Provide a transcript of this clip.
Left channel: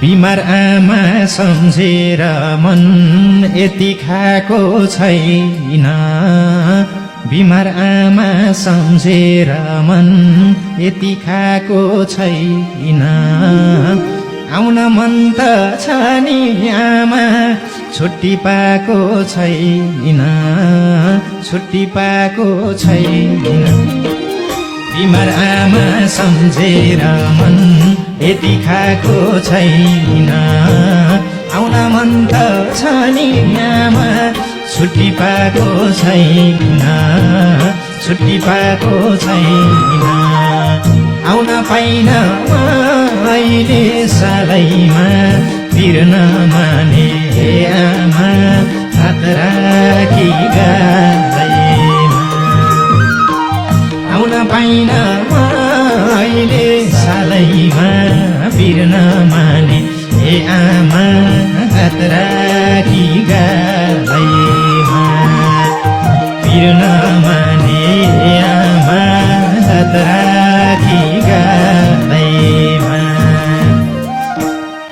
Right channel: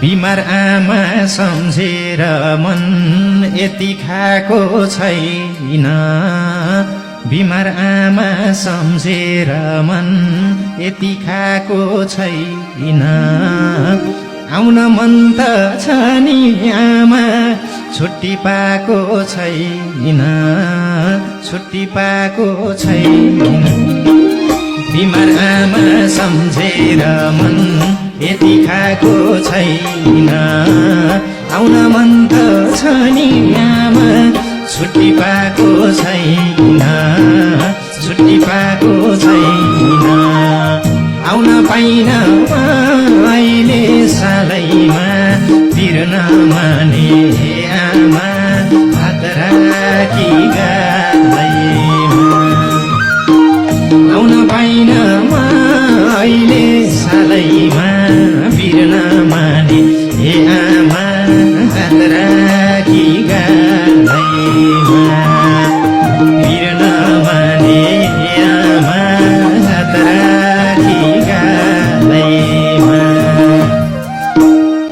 बिमार आमा सम्झेर मन यति खाएको छैन बिमार आमा सम्झेर मन यति खाएको छैन आउन मन त छ नि आमा छुट्टी पाएको छैन छुट्टी पाएको छैन बिमार आमा सम्झेर मन यति खाएको छैन आउन मन त छ नि आमा छुट्टी पाएको छैन छुट्टी पाएको छैन आउन पाइन अहिले सालैमा पिर्न माने आमा हात राखी गालैमा आउन पाइन अहिले सालैमा पिर्न माने आमा हात राखी